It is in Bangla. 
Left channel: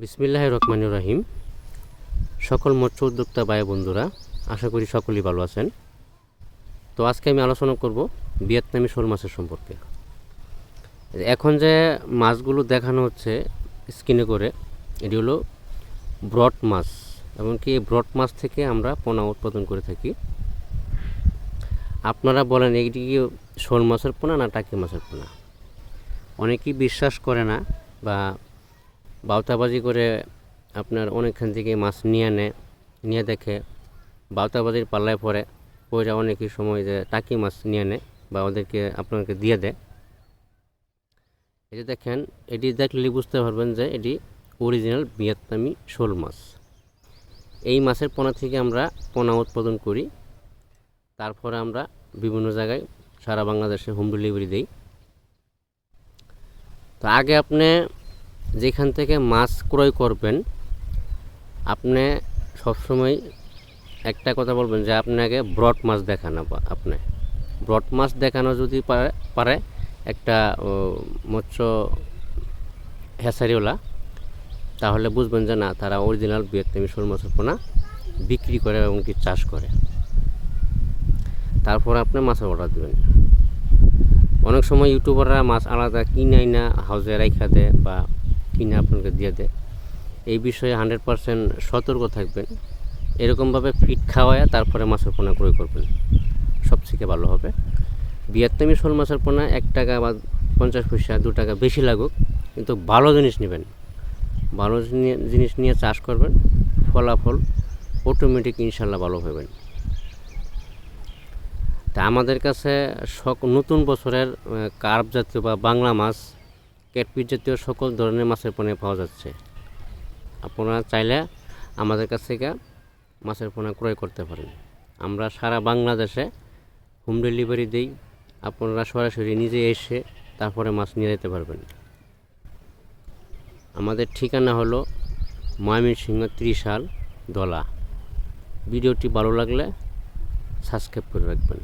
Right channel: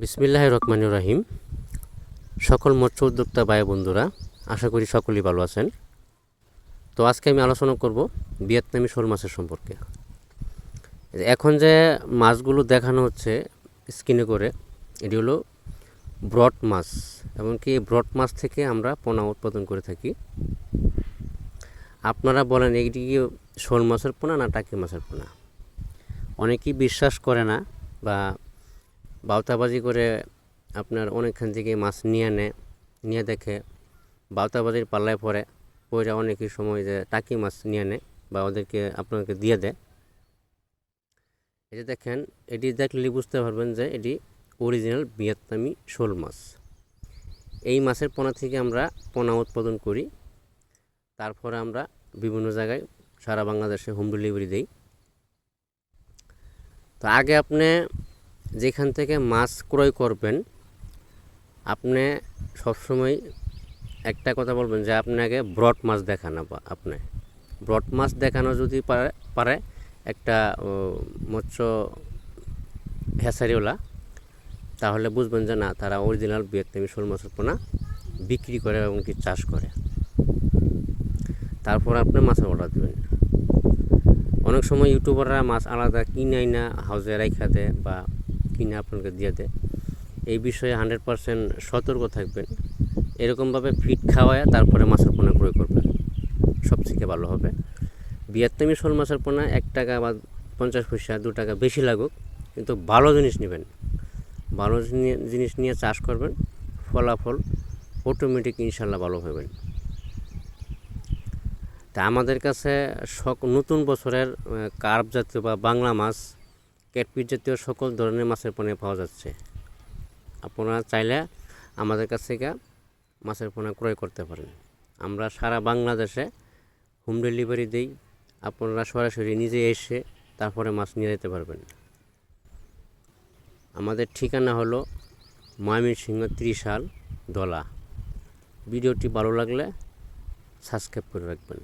বিসমিল্লাহির রহমানির রহিম। সকল মৎস্য উদ্যোক্তা ভাই বন্ধুরা, আশা করি সকলেই ভালো আছেন। তো আজকে আমি আলোচনা করব ভিয়েতনামি শোল মাছের সম্পর্কে। এখন যে মাছগুলো দেখানো হচ্ছে স্ক্রিনে করে, এটি হলো ব্রড মাছ। এমনকি এই ব্রড মাছ থেকে আমরা পোনা উৎপাদন করে থাকি। আপনারা বলেন এইটি কি শোল মাছের পোনা না টাকি মাছের পোনা? অনেকেই বিশ্বাস করে না বা বাউতাবাজি করে আপনার অনেকখান থেকে মাছ নিয়ে দেখে বাউতাবাজির পাল্লায় পড়ে অনেকই সময় যে টাকি মাছ নিয়ে নেয় বা ওদেরকে আপনাকে দিয়ে দেয়। এটি দেখেন, এটি দেখলে বুঝতে পারবেন যে এটি অরিজিনাল ভিয়েতনামি শোল মাছ। এই মাছের পোনা থেকে আমরা পোনা উৎপাদন করি, তারপরে আমরা বিভিন্ন জায়গায় সারা বাংলাদেশে হোম ডেলিভারি দিই। তো আগে আপনি যেখান থেকে মাছ ক্রয় করবেন, আপনি সবসময় একটা কথা বলবেন যে আপনাকে ব্রড মাছ দেখানো, আপনি ব্রড মাছ দেখানো যদি পারে একটা মৎস্য হ্যাচারিওয়ালা, তাহলে বুঝবেন যে না, তারা অরিজিনাল ভিয়েতনামি শোল মাছের পোনা বিক্রি করে এবং কি চাষ করে। তারপর আপনি মাছের অর্ডার দেবেন। অনেক সময় ইউটিউবাররা মাছ আলাদা কিনে না হাউজে রাইখা দেয় বা কিনে আপনাকে দিয়ে দেয়। এই বিষয়ে 100% সতর্ক থাকবেন। এরকমভাবে ফিট খাওয়ায় তারপরে মাছের পোনা ক্রয় করবেন, সবথেকে ভালো হবে। ভিয়েতনামি শোল মাছের পোনা 1 টাকা বা 50 পয়সা 2 টাকা বেশি লাগুক, কিন্তু ভালো জিনিস নেবেন। ভালো জিনিস নিয়ে চাষ করবেন, ফলাফল অটোমেটিক ইনশাল্লাহ ভালো হবেন। তা আমাদের কাছে নতুন বছরের কার্প জাতীয় বা বাংলা মাছ, ক্যাটফিশ জাতীয় সকল ধরনের মাছের পোনা পাওয়া যাচ্ছে। আপনারা চাইলে আমাদের কাছ থেকে মাছের পোনা ক্রয় করতে পারেন। আমরা সারা বাংলাদেশে হোম ডেলিভারি দিই। আপনারা সরাসরি নিজে এসে তারপরে মাছ নিয়ে যেতে পারবেন। আমাদের ঠিকানা হলো ময়মনসিংহ ত্রিশাল দলা। ভিডিওটি ভালো লাগলে সাবস্ক্রাইব করে রাখবেন।